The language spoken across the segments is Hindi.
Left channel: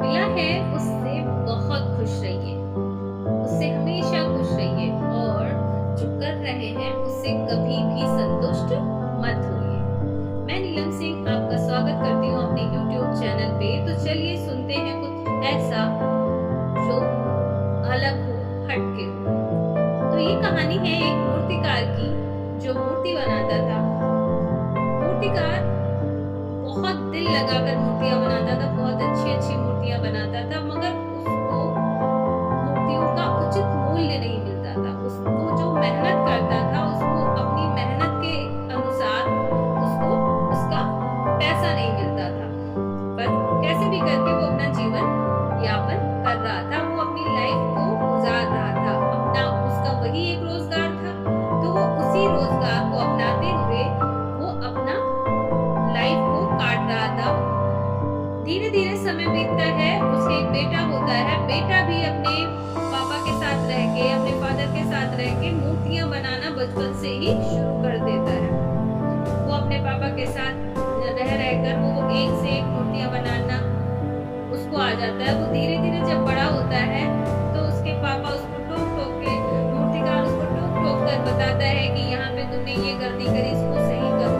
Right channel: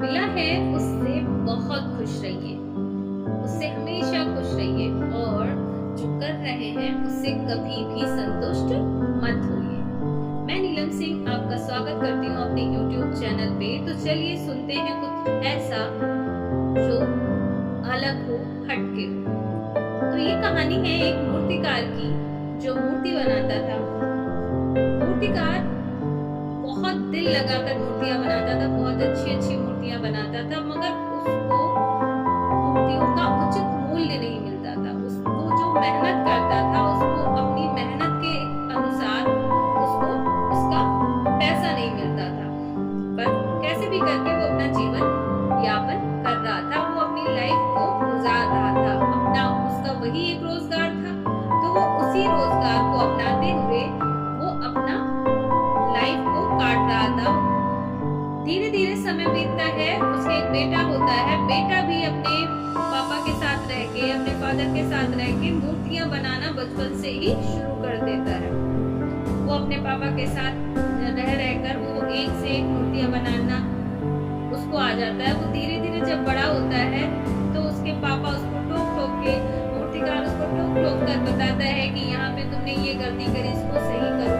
मिला है उससे बहुत खुश रहिए, उससे हमेशा खुश रहिए और जो कर रहे हैं उससे कभी भी संतुष्ट मत होइए। मैं नीलम सिंह आपका स्वागत करती हूँ अपने YouTube चैनल पे। तो चलिए सुनते हैं कुछ ऐसा जो अलग हो, हटके हो। तो ये कहानी है एक मूर्तिकार की जो मूर्ति बनाता था। मूर्तिकार बहुत दिल लगाकर मूर्तियां बनाता था, बहुत अच्छी अच्छी मूर्तियां बनाता था, मगर उसको मूर्तियों का उचित मूल्य नहीं मिलता था। उसको जो मेहनत करता था उसको अपनी मेहनत के अनुसार उसको उसका पैसा नहीं मिलता था। पर कैसे भी करके वो अपना जीवन यापन कर रहा था, वो अपनी लाइफ को गुजार रहा था। अपना उसका वही एक रोजगार था, तो वो उसी रोजगार को अपनाते हुए वो अपना लाइफ को काट रहा था। धीरे धीरे समय बीतता है, उसके एक बेटा होता है। बेटा भी अपने पापा के साथ रह के, अपने फादर के साथ रह के मूर्तियां बनाना बचपन से ही शुरू कर देता है। वो अपने पापा के साथ रह रहकर वो एक से एक मूर्तियां बनाना उसको आ जाता है। वो धीरे धीरे जब बड़ा होता है तो उसके पापा उसको टोक टोक के, मूर्तिकार उसको टोक टोक कर बताता है कि यहाँ पे तुमने ये गलती करी, इसको सही करो,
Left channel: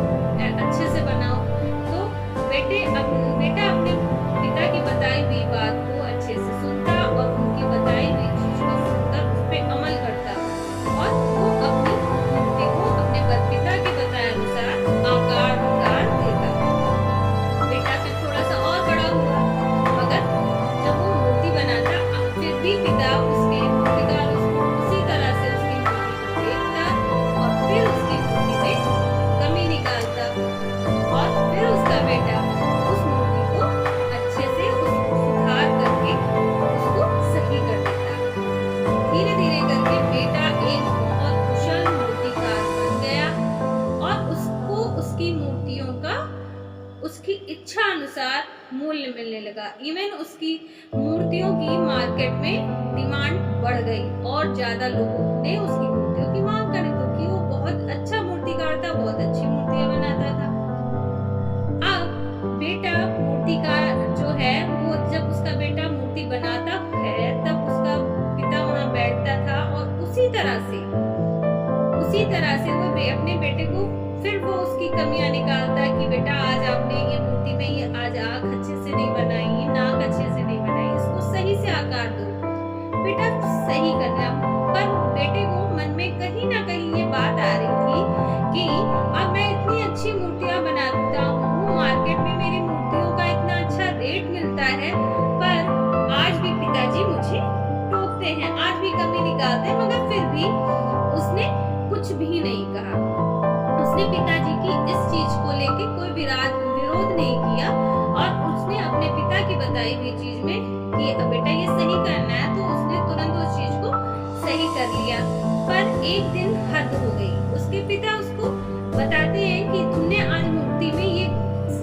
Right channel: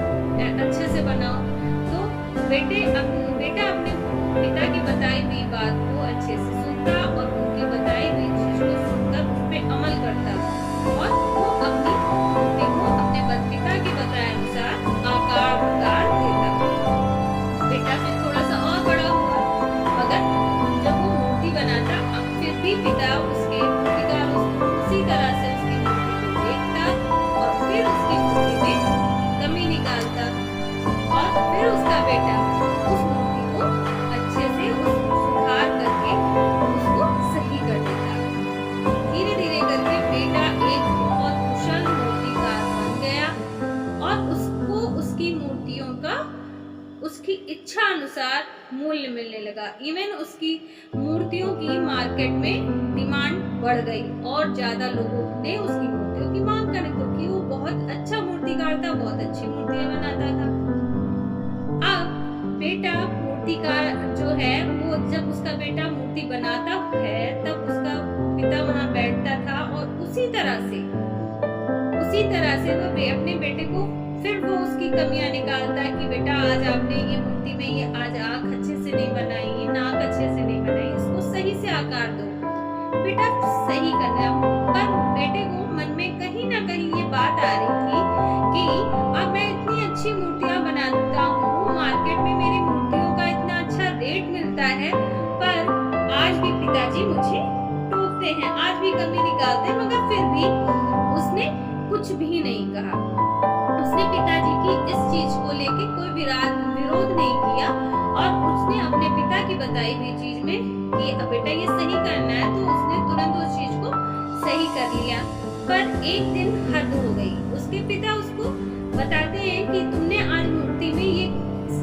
अच्छे से बनाओ। तो बेटा अपने पिता की बताई हुई बात को अच्छे से सुनता और उनकी बताई हुई चीज को सुनकर उस पर अमल करता और वो अपनी मूर्ति को अपने पिता के बताए अनुसार आकार देता। बेटा फिर थोड़ा सा और बड़ा हुआ, मगर जब वो मूर्ति बनाता फिर भी पिता उसके मूर्तिकार उसको उसी तरह से उसकी मूर्ति को देखता और फिर उसकी मूर्ति में कमी निकालता और फिर उसका बेटा उस मूर्ति को अच्छे से सुधार करके उसको सही कर देता। धीरे धीरे करके बेटा एक बहुत कुशल मूर्तिकार बन गया और उसको उसकी मूर्तियों का उसकी इच्छा अनुसार मूल्य मिलने लगा। इवन उसकी मूर्तियों की मार्केट में डिमांड बढ़ गई और ज्यादा लोगों ने उसकी मूर्तियों की मांग करने, क्योंकि वो बहुत अच्छा मूर्तिकार था, बहुत अच्छी मूर्तियां बनाता था। अब बेटा मूर्तिकार जो है वो जब उसका बेटा मूर्ति बनाता है तब उसका पिता वहां बैठता था और उसी तरह से वो अपने बेटे को फिर वो उसकी कमियां निकालता कि बेटा आज आपने ये मूर्ति में ये आज आंख अच्छे से नहीं बनाई, नाक अच्छे से नहीं बनाई, इसको सही से आकार दो। बेटा सही करना, पर बेटे को मन में कहीं ना कहीं ये बात आ रही थी कि अब मैं इतनी अच्छी मूर्तियां बनाता हूँ, मार्केट में मेरी मूर्तियों का इतना अच्छा रेट मिलता है, पर आज भी पिताजी मुझे टोकते हैं, आज भी कमी निकालते हैं, मगर फिर भी उसने कुछ भी नहीं कहा। उसने पिताजी की इस चीज को लेके कोई विरोध नहीं किया और उसने अपने पिता की बताई हुई चीज में कि बेटा ये सही करना है, तो उसने तुरंत उस चीज को सही कर लिया। पर एक दिन हद हो गई। उसके पिता उसको बताते हैं कि तुमने आज मूर्ति में ये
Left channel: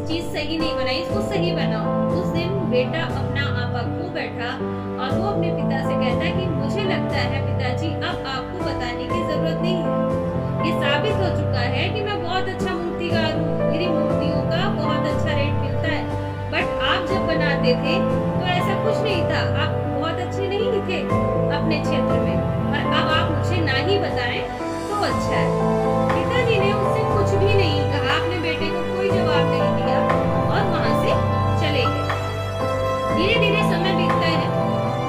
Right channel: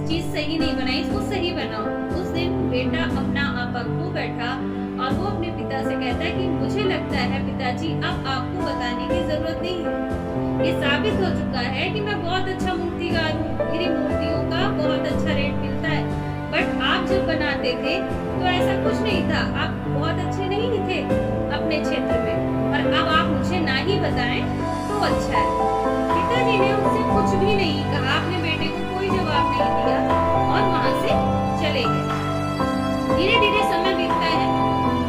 चीज सही नहीं बनाई, इसको सही बनाओ। उस दिन बेटा अपना आपा खो बैठा और वो अपने पिता से कहता है कि मुझे लगता है पिताजी अब आपको बताने की जरूरत नहीं है, ये साबित हो चुका है कि मैं बहुत अच्छा मूर्तिकार हूँ, मेरी मूर्तियों का बहुत अच्छा रेट मिलता है। बट आप जब बनाते थे तो ऐसा कुछ नहीं था, आप बहुत अच्छे नहीं थे अपने क्षेत्र में, और अब आप मुझे ना ही बताएं तो अच्छा है। पिताजी ने उससे कुछ भी नहीं कहा, अपने बेटे को कोई जवाब नहीं दिया और वहां से चले गए। धीरे धीरे समय बीतता है,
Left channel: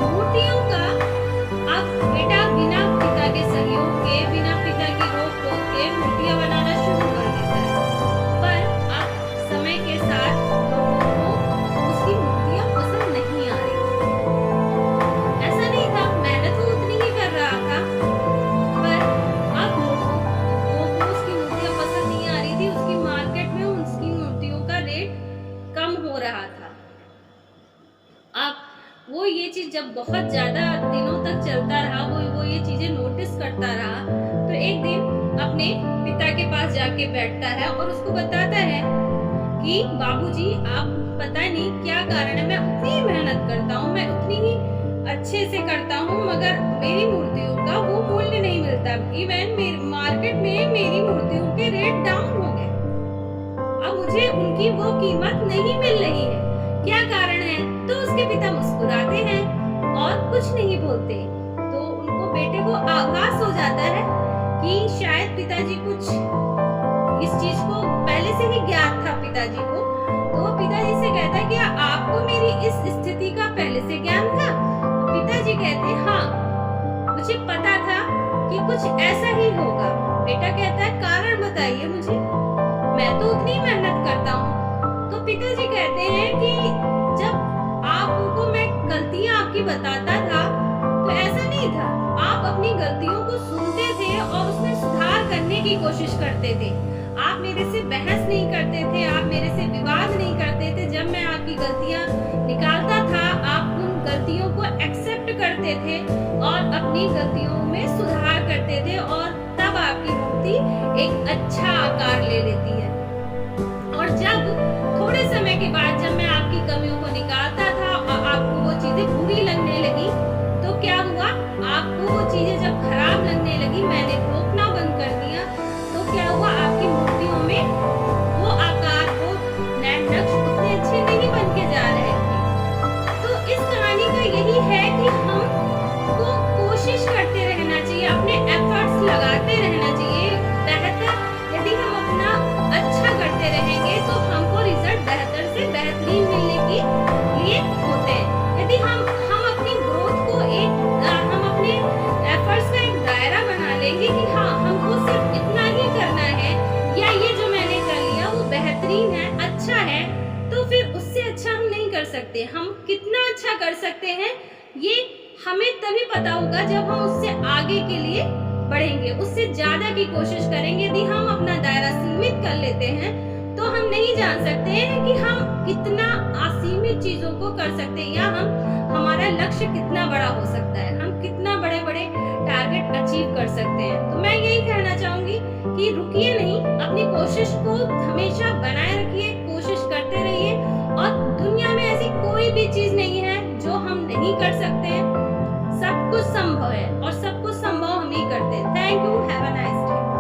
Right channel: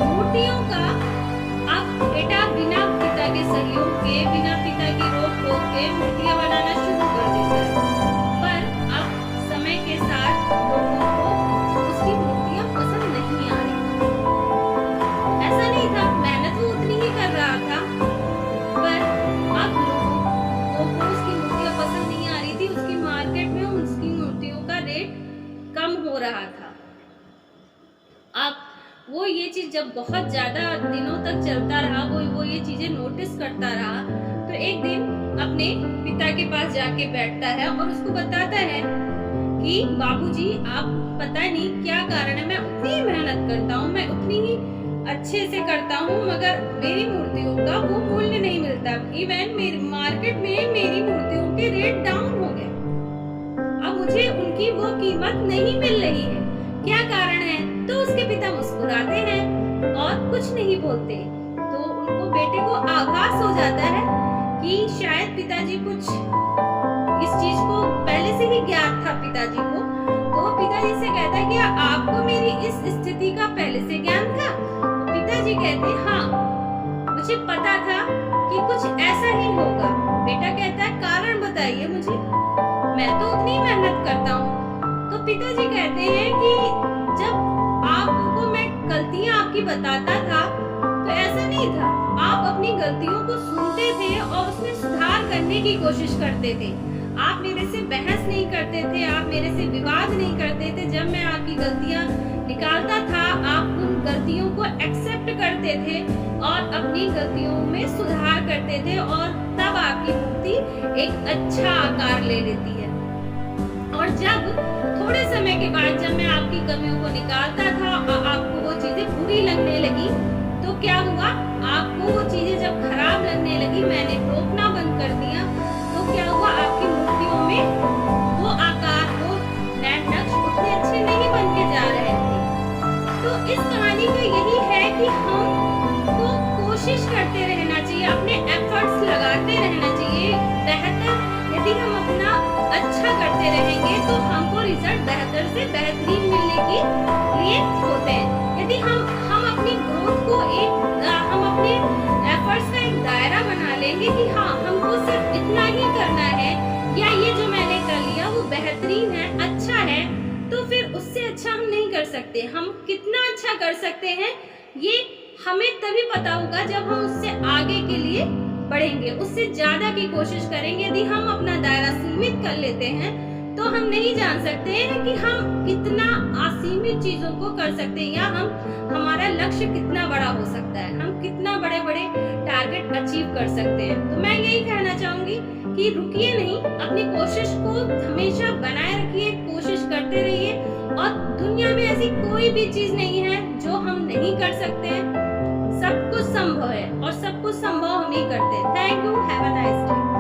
मूर्तियों का अब बेटा बिना पिता के सहयोग के, बिना पिता की रोक टोक के मूर्तियां बनाना शुरू कर देता है। पर अब समय के साथ लोगों को उसकी मूर्तियां पसंद नहीं आ रही। ऐसा नहीं था, मेहनत वो उतनी ही कर रहा था, पर अब लोगों को उसकी मूर्तियां पसंद नहीं आ रही थी। उसकी मार्केट में उसकी मूर्तियों का रेट कम हो रहा था। अब वो ये चीज जब बहुत ज्यादा दिनों तक चलता रहा, वो ये चीजें नोटिस करता रहा, तो एक दिन अपने पिता के पास जाके बैठता है और उसको बताता है कि बाबूजी आप पता नहीं क्या कारण है, मैं उतनी ही मेहनत करता हूँ, मैं उतनी ही अच्छे से करता हूँ, मगर मेरी मूर्तियों का वो मूल्य नहीं मिलता। इवन मार्केट में मेरी मूर्तियों के रेट डाउन हो गए, अब मुझे उनकी वो कीमत नहीं मिल रही है, क्या कारण है? तो उसके पिता बोलते, तो उनको बेटे को आभास हो जाता है कि शायद पिताजी कुछ इस चीज को पहले से ही ज्ञात था पिताजी को। तो वो पिताजी से कहता है कि आपको मेरी इस स्थिति का पहले से ज्ञान था? तो पिताजी कहते हैं हाँ, मुझे पता था कि कुछ ऐसा ही होगा। बेटा कहता है कारण बताइए मुझे, मैं तो उतनी मेहनत करता हूँ। तो पिताजी कहते हैं कि जब आपको मैं गलतियां आपकी बताता था तो ऐसा नहीं था, आप अपनी गलतियों को सुनते थे और उसमें सुधार करने की कोशिश करते थे। आप मेरे से बहस नहीं करते थे, आप मेरे से विवाद नहीं करते थे। जब मैं आपकी गलतियां निकालता था, आप उन गलतियों को एक्सेप्ट करते थे और अपनी गलतियों में सुधार करते थे, और तब आपकी मूर्ति एक अच्छा आकार ले लेती है। और जब थोड़े समय के बाद जब मैं आपकी कमियों को निकालता था और आपको वो चीजें बुरी लगने लगी, तो क्या हुआ, आपको वो चीजें जब खराब लगने लगी, मैंने टोकना बंद कर दिया, तो क्या हुआ, आपकी मूर्तियों में वो आकार, वो नक्श उतने अच्छे नहीं बन के जा रहे थे। तो इस कहानी का यही है कि हमको कोशिश करते रहना चाहिए, अपने एफर्ट्स लगाते रहना चाहिए। बेहतर यदि हम अपना अच्छा करते रहेंगे तो हमको रिजल्ट बेहतर से बेहतरीन मिलने के लिए होते हैं। यदि हम अपनी ग्रोथ को हम अपने एफर्ट्स का एक दायरा बना लेंगे कि हाँ, हमको सिर्फ इतना ही करना है, या ये जो मैंने कर लिया वो बेहतरीन है, अच्छा है, तो फिर उससे अच्छा हम नहीं कर सकते। हम कितना अच्छा कर सकते हैं ये हमें तभी पता होगा जब हम उससे आगे के लिए बढ़ेंगे, उससे ज्यादा की कोशिश करेंगे। यदि हम अपना दायरा सीमित कर लेते हैं तो हम नहीं जान सकते हैं कि हम कितना असीमित चीजों को कर सकते हैं, या हमारा लक्ष्य कितना बड़ा हो सकता है, हम कितना बड़े बड़े टारगेट अचीव कर सकते हैं। तो मैं यही कहना चाहूंगी कि रुकिए नहीं, अपनी कोशिश को हमेशा बनाए रखिए, कोशिश करते रहिए, और दुनिया में ऐसी कोई भी चीज नहीं है जो हम नहीं कर सकते हैं। सब कुछ संभव है और सब कुछ संभव हम ही करते हैं। Thank you, have a nice day.